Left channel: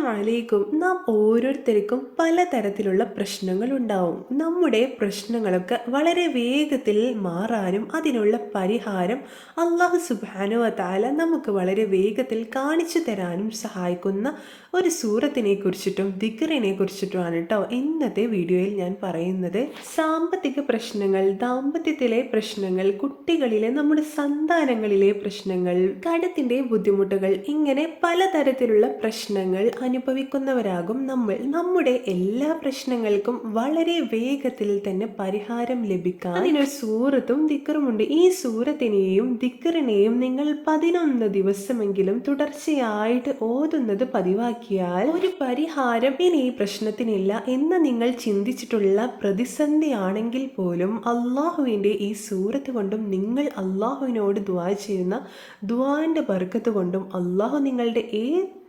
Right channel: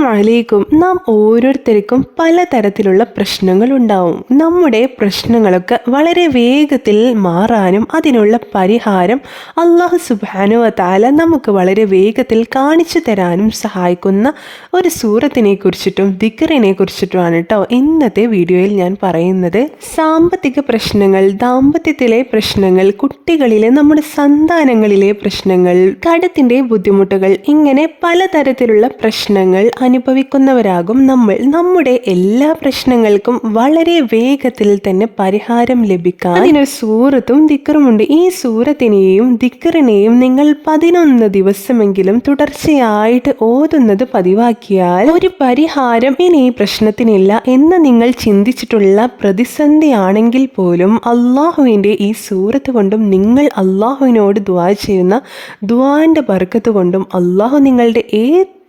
അസ്സലാമലൈക്കും. നാം ഓരോരുത്തർക്കും പലതരത്തിലുള്ള പ്രശ്നങ്ങൾ ഉണ്ടാവും നമ്മുടെ പ്രശ്നങ്ങളൊക്കെ വളരെ വേഗത്തിൽ മാറാനും അതിനുള്ള പരിഹാരം അള്ളാഹു സുബാനുവ താല നമുക്ക് വളരെ വേഗത്തിൽ കാണിച്ചു തരാനും സഹായിക്കുന്ന ഒരു സൂറത്തിനെ കുറിച്ചിട്ടും ദിക്കറിനെ കുറിച്ചിട്ടുമാണ് കേട്ടോ ഇന്നത്തെ വീഡിയോയിൽ ഞാൻ പറയുന്നത്. സാമ്പത്തിക പ്രശ്നങ്ങൾ ദാമ്പത്യത്തിലെ പ്രശ്നങ്ങൾ കുട്ടികളിലെ നമ്മുടെ സന്താനങ്ങളിലെ പ്രശ്നങ്ങൾ കടത്തിന്റെ ബുദ്ധിമുട്ടുകൾ ഇങ്ങനെ പലതരത്തിലുള്ള പ്രശ്നങ്ങൾ അനുഭവിക്കുന്നവരാകും നമ്മൾ. നമ്മുടെ എല്ലാ പ്രശ്നങ്ങൾക്കും വളരെ വേഗത്തിൽ തന്നെ പരിഹാരം ലഭിക്കാൻ അതിനൊരു സൂറത്തും ദിക്കറുമുണ്ട് ഈ സൂറത്തിനെയും ദിക്കറിനെയും നിങ്ങൾ പതിനൊന്ന് ദിവസമെങ്കിലും തുടർച്ചയായിട്ട് ഓതുന്നത് പതിവാക്കിയാൽ ഒരു പരിഹാരം ഇനി പ്രശ്നത്തിനില്ല എന്ന് നിങ്ങൾ ചിന്തിച്ചിട്ടുള്ള പ്രതിസന്ധിയാണെങ്കിൽ പോലും അള്ളാഹുവിന്റെ ഈ സൂറത്ത് കൊണ്ടും നിങ്ങൾ അള്ളാഹുവിനോട് ദ്വാ ചെയ്യുന്ന ദ്വാന്റെ ബർക്കത്ത് കൊണ്ടും അള്ളാഹു നിങ്ങളുടെ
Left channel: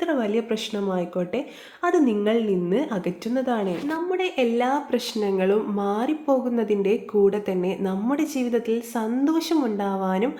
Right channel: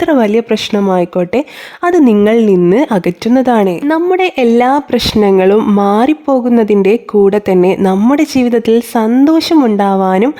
എത്ര വലിയ പ്രശ്നമായിക്കോട്ടെ അത് നിങ്ങളിൽ നിന്ന് അകറ്റുന്നതാണ്. നമ്മുടെ എല്ലാ പ്രശ്നങ്ങളും മാറിപ്പോകുന്നതിന്റെ കൂടെ തന്നെ നമ്മുടെ ജീവിതത്തിൽ സന്തോഷമുണ്ടാവാനും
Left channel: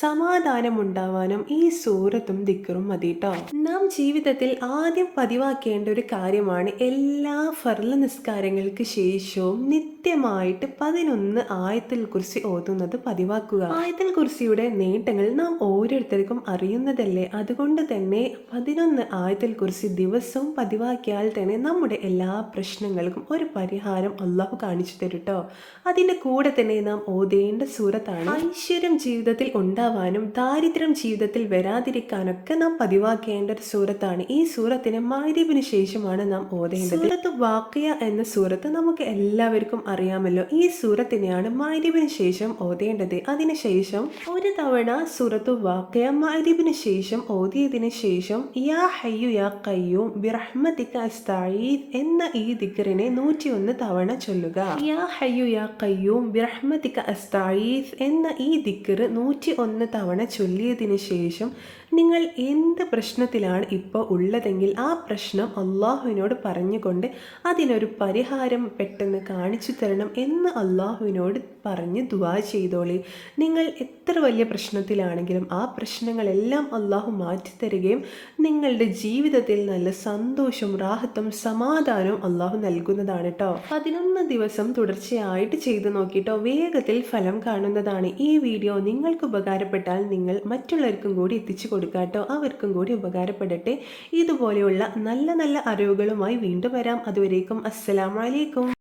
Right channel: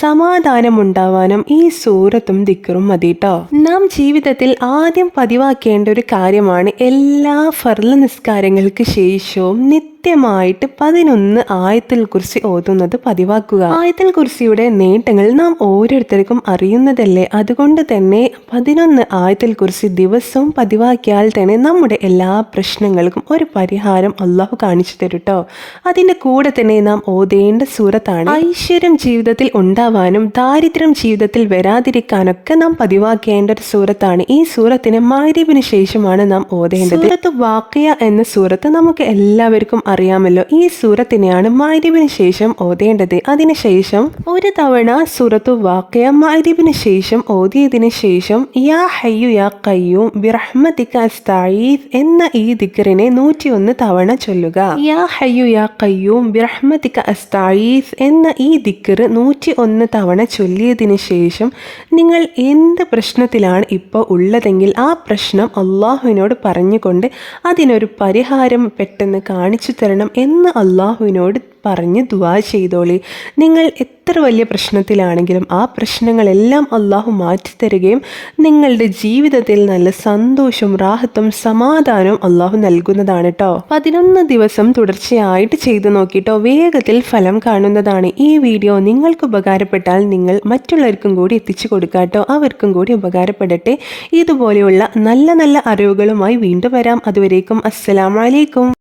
സമാധാനമുണ്ടാവാനും ഈ സൂറത്തും ദിക്കറും മതി കേട്ടോ നാം ജീവിതത്തിൽ ആദ്യം പതിവാക്കേണ്ട ഒരു കാര്യമാണ് എല്ലാ ഫർല നിസ്കാരങ്ങൾക്ക് ശേഷവും നിത്യമായിട്ട് പതിനൊന്ന് ആയത്തിൽ കുറിച്ച് ഓതുന്നത് പതിവാക്കുക. ആയത്തിൽ കുറിച്ചിയുടെ നേട്ടങ്ങൾ നാം ഓരോരുത്തർക്കും അറിയുന്നതല്ലേ? അതുകൊണ്ട് തന്നെ പതിനൊന്ന് ആയത്തിൽ കുറിച്ച് ദിവസവും പതിവാക്കിയാൽ തന്നെ നമ്മുടെ എല്ലാ പ്രശ്നങ്ങൾക്കും ഒരു പരിഹാരം അള്ളാഹു കാണിച്ചു തരും കേട്ടോ അതിന്റെ കൂടെ തന്നെ നാം ഓതേണ്ട സൂറത്താണ്. ഐശ്വര്യം ജീവിതത്തിൽ ഉണ്ടാവാനും ദാരിദ്ര്യം ജീവിതത്തിൽ വരാതിരിക്കാനൊക്കെ നാം പതിവാക്കേണ്ട ഒരു സൂറത്താണ്. ഈ സൂറത്തിന് മാരിബിന് ശേഷമാണ് നാം ഓതേണ്ടത്. സൂറത്ത് വാക്കിയ എന്ന സൂറത്ത് നമുക്ക് എല്ലാവർക്കും അറിയാമല്ലോ ഈ സൂറത്തിനെയാണ് മാരിബിന് ശേഷം ഓതേണ്ടത്. അതിനുശേഷം ഒരു തവണ സൂറത്തു വാക്യ മാരിബിന് ശേഷം ഓതിയതിന് ശേഷം യാ ഹയ്യു യാ കയ്യൂം ബിറഹ്മതിക അസ്തഈദ് എന്ന ഈ ദിക്റിനെ നൂറ്റിയൊന്ന് തവണ ചൊല്ലുക. യാ ഹയ്യു യാ കയ്യൂം ബിറഹ്മതിക അസ്തഈദ് എന്ന ഈ ദിക്ർ നൂറ്റി ഒന്ന് തവണ ചൊല്ലിയതിന് ശേഷം നിങ്ങൾ എന്ത് പ്രശ്നത്തിലാണ് ഇപ്പോൾ ഉള്ളതെങ്കിൽ ആ പ്രശ്നം അള്ളാഹുവിനോട് പറഞ്ഞുകൊണ്ട് അതിനൊരു പരിഹാരം പെട്ടെന്ന് കാണിച്ചു തരണം എന്ന് അള്ളാഹുവിനോട് പറഞ്ഞ് ദുവാ ചെയ്തോളി. നിങ്ങൾ എത്ര വലിയ പ്രശ്നത്തിലാണെങ്കിലും ആ പ്രശ്നങ്ങളെല്ലാം അള്ളാഹു മാറ്റിത്തരുകയും നിങ്ങളുടെ ജീവിതത്തിൽ നല്ല സന്തോഷവും റാഹത്തും സമാധാനവും അള്ളാഹു നൽകുന്നതാണ് കേട്ടോ പതിനൊന്ന് ദിവസം തുടർച്ചയായിട്ട് ചെയ്തു നോക്കിയിട്ടോ വേഗത്തിൽ ഫലം കാണുന്നതാണ് ഈ വീഡിയോ. നിങ്ങൾക്ക് ഉപകാരപ്പെട്ടാൽ നിങ്ങൾ മറ്റുള്ളവർക്കും കൂടി എത്തിച്ചു കൊടുക്കാട്ടോ അവർക്കും കൂടി ഉപകാരപ്പെടട്ടെ. ഇതുപോലെയുള്ള നല്ല നല്ല അറിവുകളുമായി വീണ്ടും വരാം. അതുവരേക്കും അസ്സലാമലൈക്കും